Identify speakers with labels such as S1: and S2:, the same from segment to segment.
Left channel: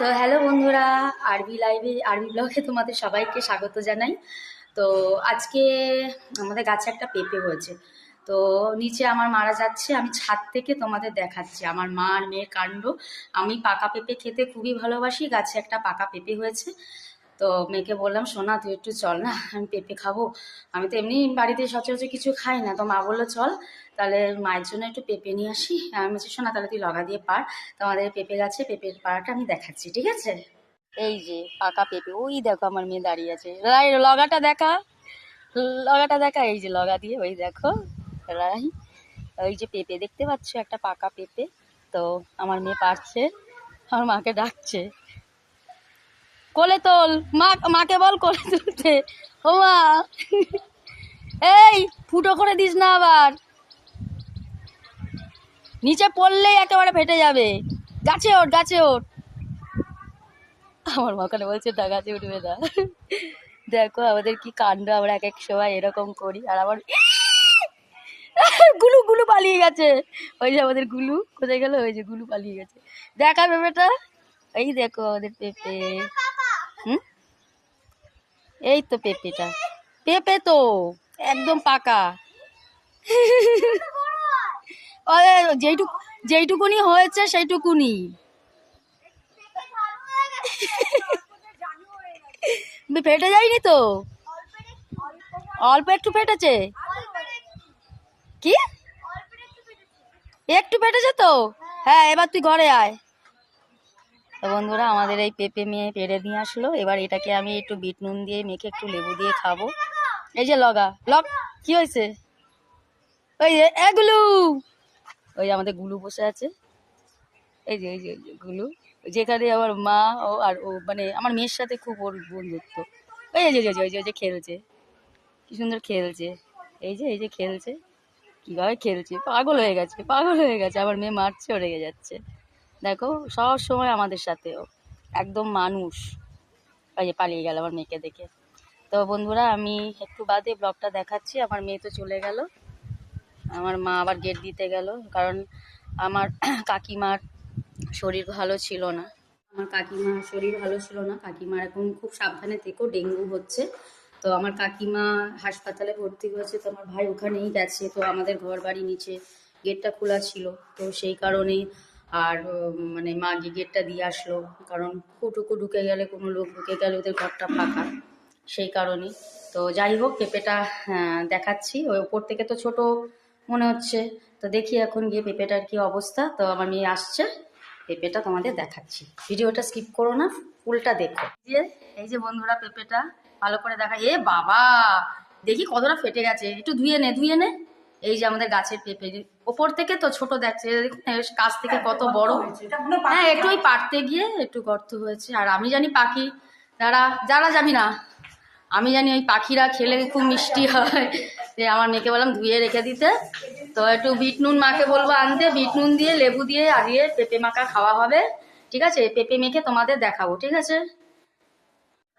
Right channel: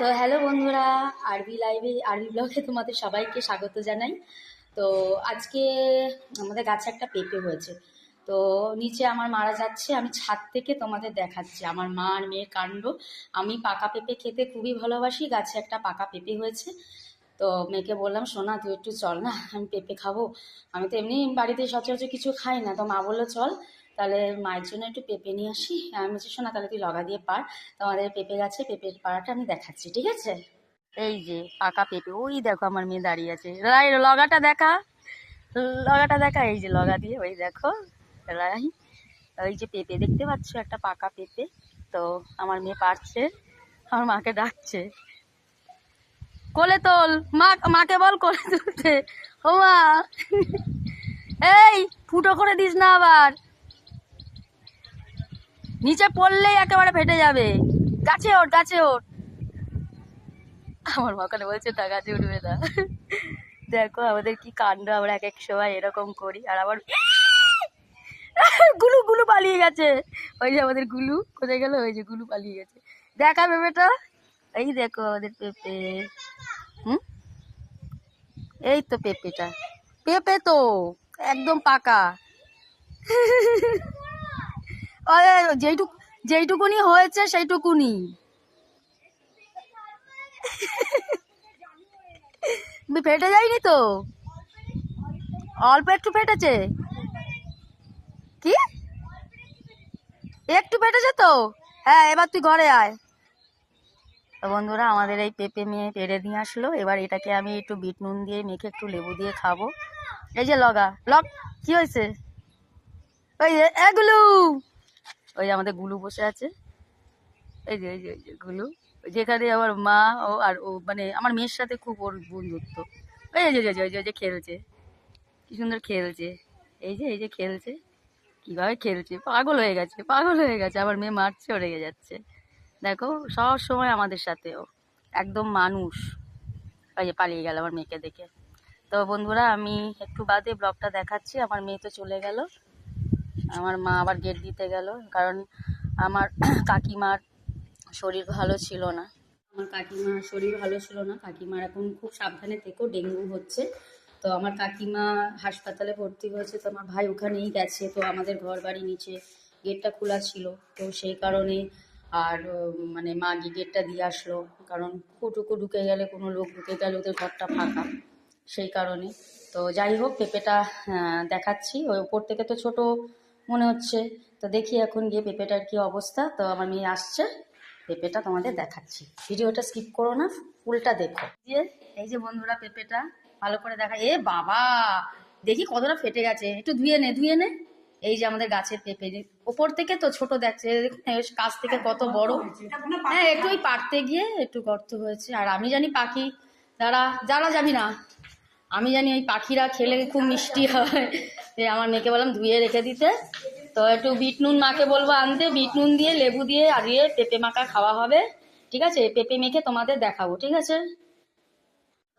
S1: তো হ্যালো বন্ধুরা, আরবি লাইভে, আরবি ব্লগে তোমাদের সবাইকে স্বাগত জানাই। তো আজকে আমাদের গাছে একটা পেঁপে হয়েছে। তো নিচে আমার মারা যাচ্ছে, আমি ছাদ থেকে তোমাদের দেখাচ্ছি। আমার মা আর মেয়ের কাণ্ড। আমি পাকা পেঁপে খেতে খুবই ভালোবাসি, গাছে একটা পাকা পেঁপে হয়েছে। তো মেয়েকে বললাম, সোনা, তুই একটু চল না, আমি পেঁপে খাব। আমি তো এমনি বাড়িতে সচরাচর কিছু খাই না। তো মা বলল, চল, তাহলে মায়ের জন্য একটু পেঁপে নিয়ে আসি। আমি বলছি শোনা তাহলে তুই লগা দিয়ে পার। তোমাদের পেঁপে গাছে পেঁপের পাড়াটা আমি দেখাচ্ছি, ঠিক আছে? এই যে, পাকা পেঁপে, ওই দেখো আমার মেয়ে দাঁড়িয়ে আছে। লগাটা দেখা। লগাটা দেখা, এই যে লগা দিয়ে, ওই দেখো। রাই, ওই যে পেঁপে, দেখতে পাচ্ছ একটা পাকা পেঁপে? তো আমার মেয়ে পারছে, আমার মাকে ডাকছে। কোলে তোল। মা, মাকে বল কোলে তুলতে। ও মা এই, ফুটো করে দিস না আবার। নিচে পড়লেই একেবারে ফেটে যাবে। গাছে ওঠ গাছে ওঠ। আমার মাখানে বলছে না গাছে উঠবে না। দেখো আমাদের কি কাণ্ড, আমরা এক এক সময় এরকম করি। আর আমার গুলু গুলু পালিয়ে গেছে। ওই যে আমাদের গুলু, কোথায় গেল? ওই যে গুলু পালিয়ে গেছে। দেখা, পেঁপেটা? এই দেখো আমাদের পেঁপে। হুম? এই তো পেঁপেটা। পেঁপে তো একদম পাকা। যেইটুকু, যেইটুকুনি হয়েছে সেইটুকুনি। ফেটে যায়নি তো? অল্প একটু ফেটেছে? কি? একটু ফেটেছে তো? হ্যাঁ এবার তুই ঘরে আয়। তো বন্ধুরা, আমাদের এই পেঁপে মেয়ে পেড়ে দিয়ে আসলো। এবার এটাকে আমি একটু বিট নুন দিয়ে মেখে একটু লেবু দিয়ে খাব। এই যে লগা, লগ, কি হয়েছে? ওই যে এগুলো ওই যে আমাদের গুলু বসে আছে। এই যে এই যে গুলু। যেখানে আমার মা ও আর ও মানে আমার মেয়ের সাথে খুব ওর বন্ধুত্ব। ওই যে যে, ওই যে খেলছে। কি সুন্দর খেলছে। এই যে এই যে খেলছে। কীভাবে খেলছে? পাগল হয়ে গেছে, পাগল হয়ে গেছে। আমার মেয়ে মারছে রেগে যাচ্ছে। দেখো, সব সময় আমাদের সাথে ও একদম মানুষ। ওই যে পালিয়ে গেল আমার মেয়েকে দেখে। তো বন্ধুরা, আমি একটু বাদে ব্লগটা দেখাচ্ছি। আমার মেয়ে তো চলে গেল। আমার মা আবার গেট দিতে গেল। কারণ আমার কাকিমার শরীর ভালো ছিল না। আমার কাকিমার শরীর ভালো ছিল না। কাকিমার এখন খুব সাবধানে থেকেও ডেঙ্গু হচ্ছে। তো আমার কাকিমা হাসপাতালে ভর্তি হয়েছে। তো আমার ভাই ওখানেই গেছে। তো আমাদের ঘর বাড়ি নিচে গেটটা খোলা ছিল। তো সেই কারণে আর মানে মা গেটটা দিয়ে আসলো। কারণ কুটুকু ঢুকে গেলে, কোনো লোক ঢুকে গেলে ওদের ঘরটা ফাঁকা। সেই কারণে। তো যাই হোক, পেঁপেটা দেখাচ্ছি। ওই উপর থেকে তো ছোট মনে হচ্ছে। তো দেখি এখন গিয়ে পেঁপেটার কি অবস্থা। তো আমার মেয়ে আসছে, পেঁপেটা তোমাদের দেখাচ্ছি। ভিডিওটা স্কিপ করো না ফুলটা দেখো। যে, এই যে বন্ধুরা পেঁপেটা, ভালো করে দেখা এ বাবা! দেখি কতটা ফেটে গেছে। একটু ধুয়ে নে ধুয়ে নে। এই যে আমাদের গাছের পেঁপে ওপর থেকে তো ছোট দেখছে দেখুন কাছ থেকে কত বড়। হ্যাঁ একটু ওই পারতে গিয়ে একটু গর্ত হয়েছে। আর আমি জানি পাখি যারা যারা জানি না আমি জানি ওই পাখিরা খেলে খুব মিষ্টি হয়। আমার মেয়েকে বললাম ধুয়ে রেখে দিতে। তো একটু বিট নুন মাকে বলব আনতে বিট নুন দিয়ে লেবু দিয়ে আলিয়ে পেঁপে মাখা খাওয়া হবে। ঠিক আছে? পেঁপে মেখে তোমাদের দেখাবো ঠিক আছে?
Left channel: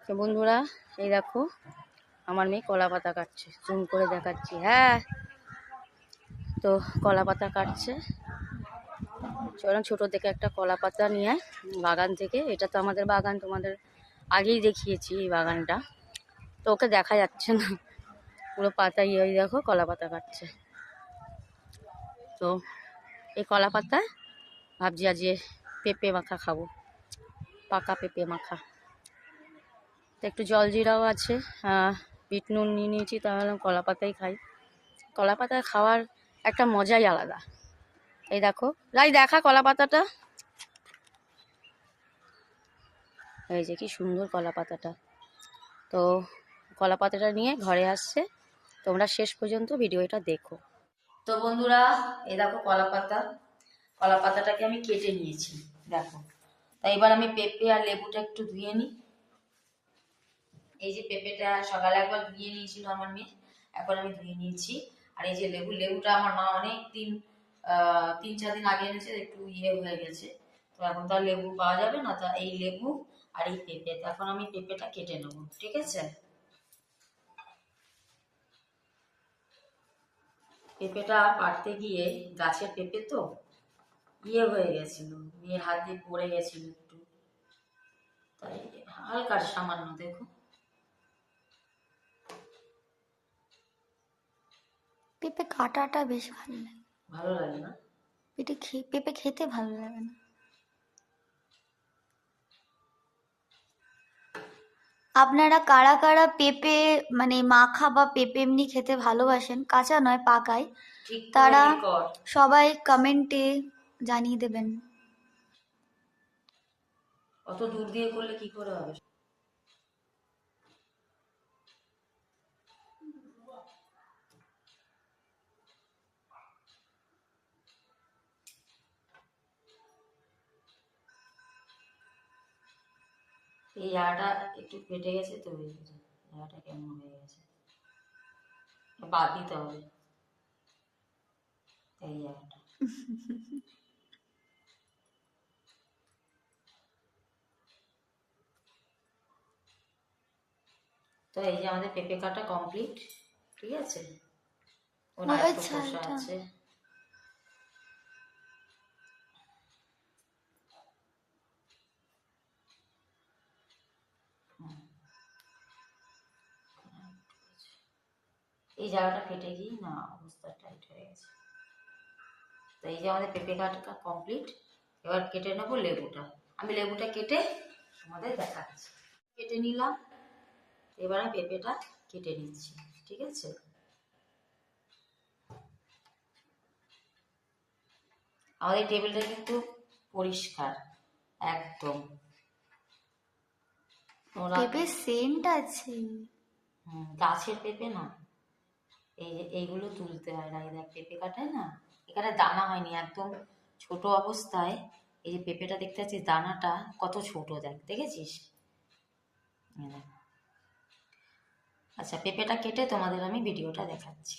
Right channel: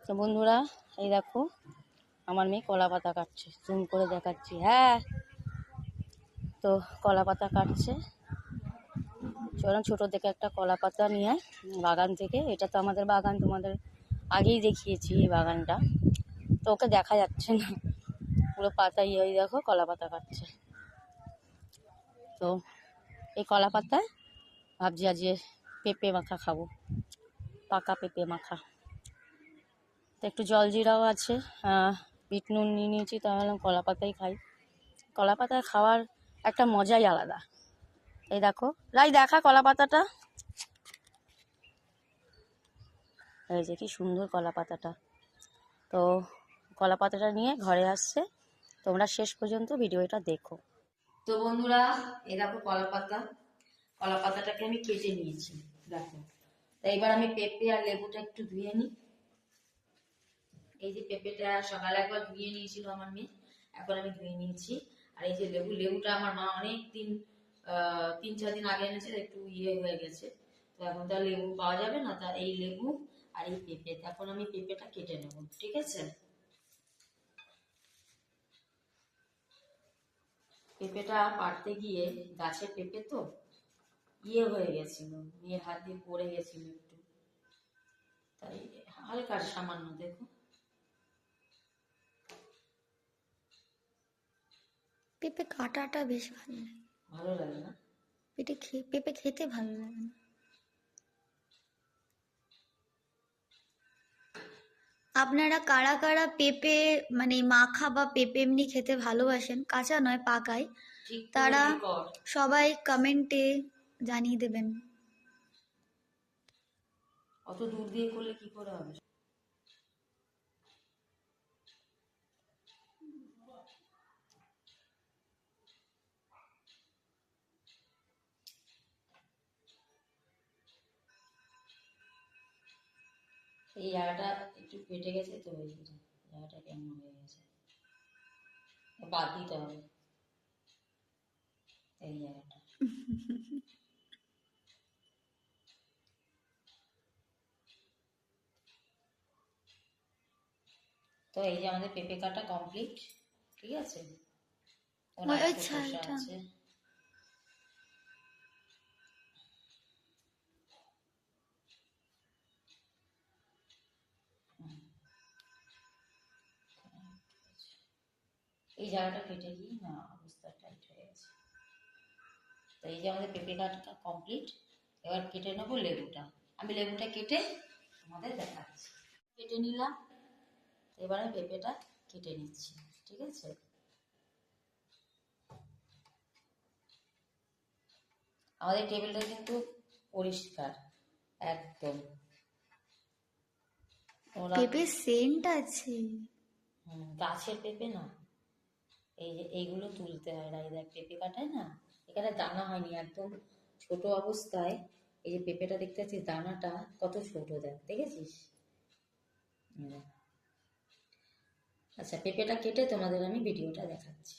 S1: তো বন্ধুরা এই দেখো আমার মেয়ে কলা পাতা কাটছে জুম করে দেখাচ্ছি। হ্যাঁ তো কলা পাতা কাটছে। চলো ছোটো থেকে একটা কলা পাতা নিয়ে বাগান থেকে। এটা তো আমাদের বাগান, তোমাদের আগেই দেখিয়েছি এই বাগানটা। তো ওকে দেখা যাচ্ছে না। পুরো পাতা ইয়ে দেখো কলা পাতা কাটছে। তো এই কলা পাতায় ভাবছি আজ পেঁপে মাখা খাব। পাকা পেঁপে মাখা। একটু জল জিরাও আছে। বিট নুন নিয়ে নিয়েছি, তাহলে কলা পাতাই খাই। কলা পাতায় খাওয়ার একটা মজাই আলাদা। এই দেখো রাই দেখা কলা পাতাটা এই যে কি সুন্দর কলা পাতাটা তো কলা পাতাটা নিয়ে ঘরে আসছে। তোমরা শেষ পর্যন্ত ভিডিওটা দেখো। তো বন্ধুরা, এই দেখো কলা পাতা কলা পাতাটাকে আমি কেটে নিয়েছি, দেখো। তাই এবার আমি পেঁপে আর লেবুটা একটু ধুয়ে নিই। এই যে পেঁপেটা সকালে একবার ধুয়ে নিয়েছিল আমার মেয়ে, এখন আমি ধুয়ে নিয়েছি। আর এই যে লেবু, লেবুটা আমার মা অনেক দিন তিন, চার দিন আগে এনেছে, একটু ইয়ে হয়ে গেছে। তো এখন তো আর লেবু পাওয়া যাবে না, তা এই লেবু আর এই পেঁপে এখন আমি পেঁপেটা কেটে নেব, ঠিক আছে? পেঁপেটা পাড়তে গিয়ে, গাছের পেঁপে তো ইয়ে হয়ে গেছিল মেয়ের হাত দিয়ে পড়ে গেছিল একটু। তাই হালকা সামান্য, দেখো।
S2: পেঁপে কাটাটা বেশ ভালো লাগে।
S1: ভালো লাগে না?
S2: পেঁপে খেয়ে পেঁপে খেতে ভালো লাগে না। আপনারা কারা কারা পেঁপে মানে মাখা বা পেঁপে এমনি খেতে ভালোবাসেন? কাঁচা নয় পাকায়। তারা সবাই কমেন্টে জানিয়ে দেবেন।
S1: অত দূর দিয়ে করলে কি করে হবে? এই জায়গাটা একটু কেটে গেছে তো এই যে জায়গাটা কেমন হয়ে গেছে। বাদ দিতে হবে। এই জায়গাটা তো এই যে আমাদের পেঁপে কাটা কমপ্লিট ঠিক আছে? ওর
S2: ও
S1: আরেকটু
S2: আচ্ছা,
S1: খোসা
S2: এটা।
S1: আছে। এই জায়গাটা ফেটে গিয়ে না অবস্থা টাইট হয়ে গেছে। তো এই যে আমাদের পেঁপে কাটা কমপ্লিট এবার কেটে নেব লেবুটা। আমি লেবুটা কেটে আমাদের দেখাচ্ছি। কেটে নিলাম এবার আমি পেঁপেটা কেটে নিচ্ছি ঠিক আছে? আমাদের টেবিলটা কিন্তু পরিষ্কার একদম।
S2: পেঁপে সেন্ট আছে।
S1: গাছের পেঁপে না। এই যে এইগুলো তুলতে হয় দেখ পেঁপে কাটায় না? এখানে দানা হয়নি, একদম ছোট অবস্থায়। এই যে পেঁপেটা দেখতে পাচ্ছিস দানাটা কত ছোট, দেখ, দেখেছিস? আচ্ছা পেঁপেটা কেটে তোমাদের আমি ভিডিওটা দেখাচ্ছি।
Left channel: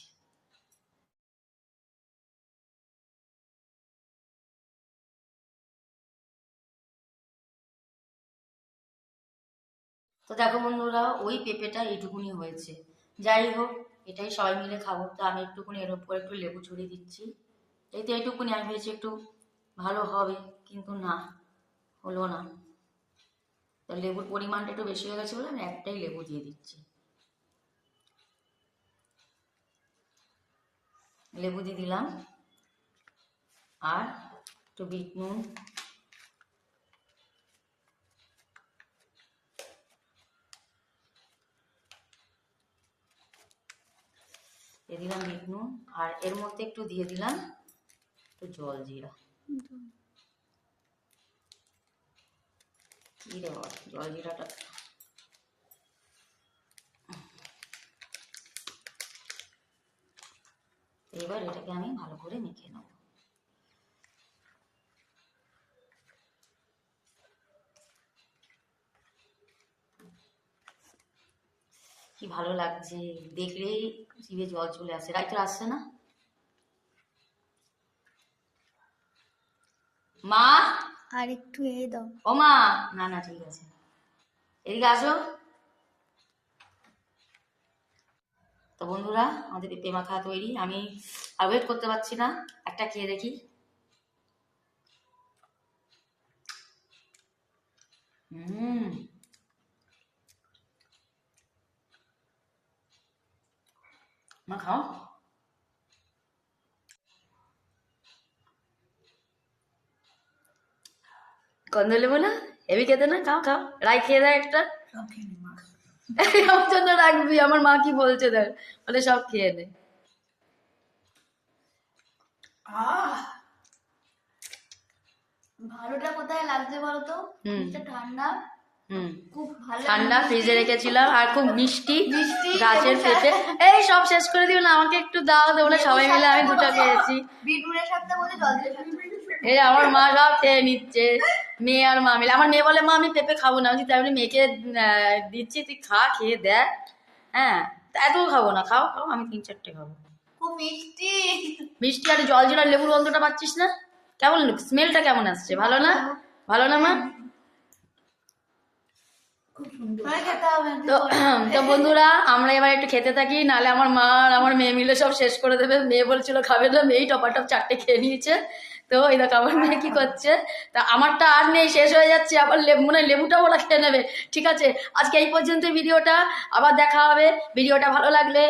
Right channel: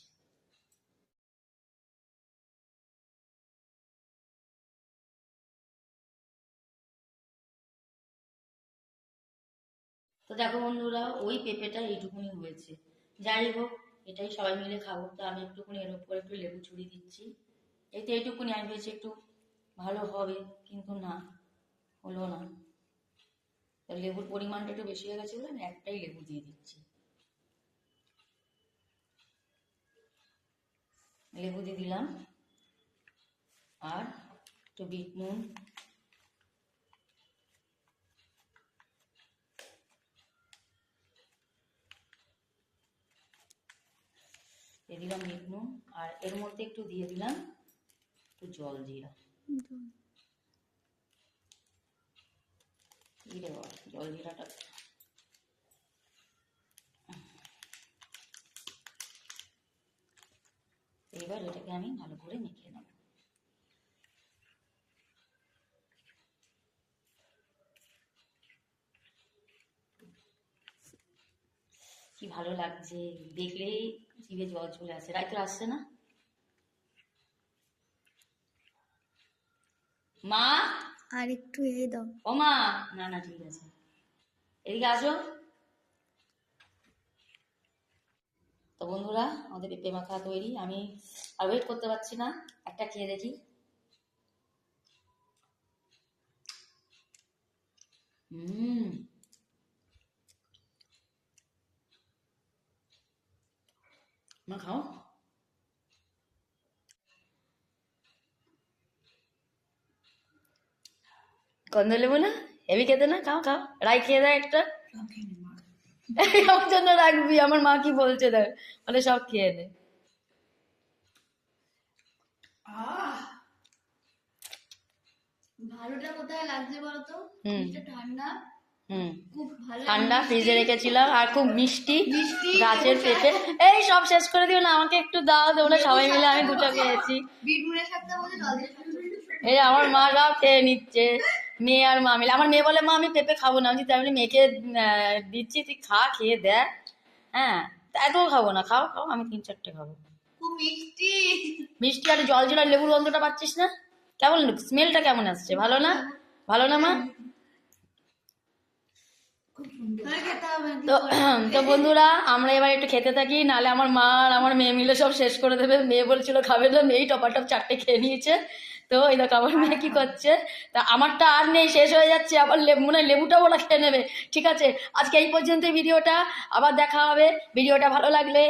S1: তো দেখো বন্ধুরা, ওই পেঁপেটা এইটুকুনি হয়েছে। যাই হোক এটাই সবাই মিলে খাব। তো আমি একটুকুনি এর উপর একটু লেবু ছড়িয়ে দিচ্ছি। এই তো এইটুকুনি আমি ভেবেছি একটু ভালো হবে, কিন্তু না, হলো না। তো লেবুর পরিমাণটা একটু বেশি হয়ে গেছে বলে আমি একটাই লেবু দিয়ে দিচ্ছি। লেবু দিয়ে দিলাম। আর একটু বিট নুন। দিয়ে দিলাম বিট নুন, আর এর মধ্যে একটু দিয়ে দিলাম একটু জল জিরা। জল জিরাটা। এবার এটাকে আমি ভালো করে মেখে নেব। কি ভালো লাগছে? দেখলেই জিভে জল চলে আসে। রাইতো আসছে না? মা?
S2: আর একটু এ দাও।
S1: ও মা? না না ঠিক আছে। এদিকে আসো। তো বন্ধুরা আমাদের পেঁপে মাখা তৈরি। আমি আর ওয়েট করতে পারছি না। একটা খেয়ে দেখি। হুম। মা খাও কন্দ লেবু না হেভি খেতে না? খাও খাও। রাই খেয়ে দেয় একটা। আমার জন্য রাখবি আমার মা কি বলছে দেখ। বলে সব খেয়ে নে।
S2: ভালোটা কোথায় লাগছে বলো তো
S1: হুম।
S2: ফ্রিজটা ঠান্ডা। খুব ভালো
S1: ঠান্ডা ফ্রিজে রেখেছিলাম আর খুব মিষ্টি।
S2: মিষ্টি,
S1: গাছের
S2: লেবু
S1: এই সব শেষ করে দিও না আমাকে একটু দাও তোমরা সবাই মিলে আমি দুটো পেয়েছি।
S2: সাথে জল
S1: এই আমার মা সব খেয়ে নিচ্ছে মেয়ে আর মা মিলে। আমার মেয়ে বলে মা আমি পেঁপে খাব না। আমি তাই বলি মেয়েকে দিচ্ছি তুই খা খেয়ে দেখ। হ্যাঁ তা এত খাব না খাও খাও আমি তিন চারটে খাব।
S2: খুব মিষ্টি।
S1: মিষ্টি আর জল জিরা লেবুর গন্ধটা পাচ্ছিস না? কেমন স্মেলটা কেমন আসছে? ভালো না? ভালো না মা
S2: মানে খেতে হবে একটু
S1: তো বন্ধুরা আমরা এবার একটু খেতে থাকি নাহলে আমার মা আর আমার মেয়ে মিলে সব শেষ করে দেবে। মেয়ে বলছিল খাবে না মেয়েই টপাটপ চারটে খেয়ে নিয়েছে। তো এই দেখো আমার মেয়ে কি করছে? তা আমারটা আর নেই শেষ হয়ে যাচ্ছে। আবার লেবু মনে হয় লেবুটাও ওরা খেয়ে নেবে। ঠিক আছে আজকে এই পর্যন্ত ভিডিওটা। আবার দেখা হবে। ভিডিওটা ভালো লাগলে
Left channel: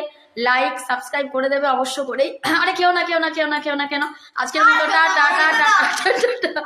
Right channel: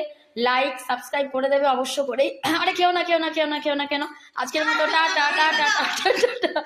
S1: লাইক সাবস্ক্রাইব করে দেবে অবশ্য করেই। আরে কেউ না কেউ না কেউ না কেউ না কেন আজকের ভিডিওটা টাটা টাটা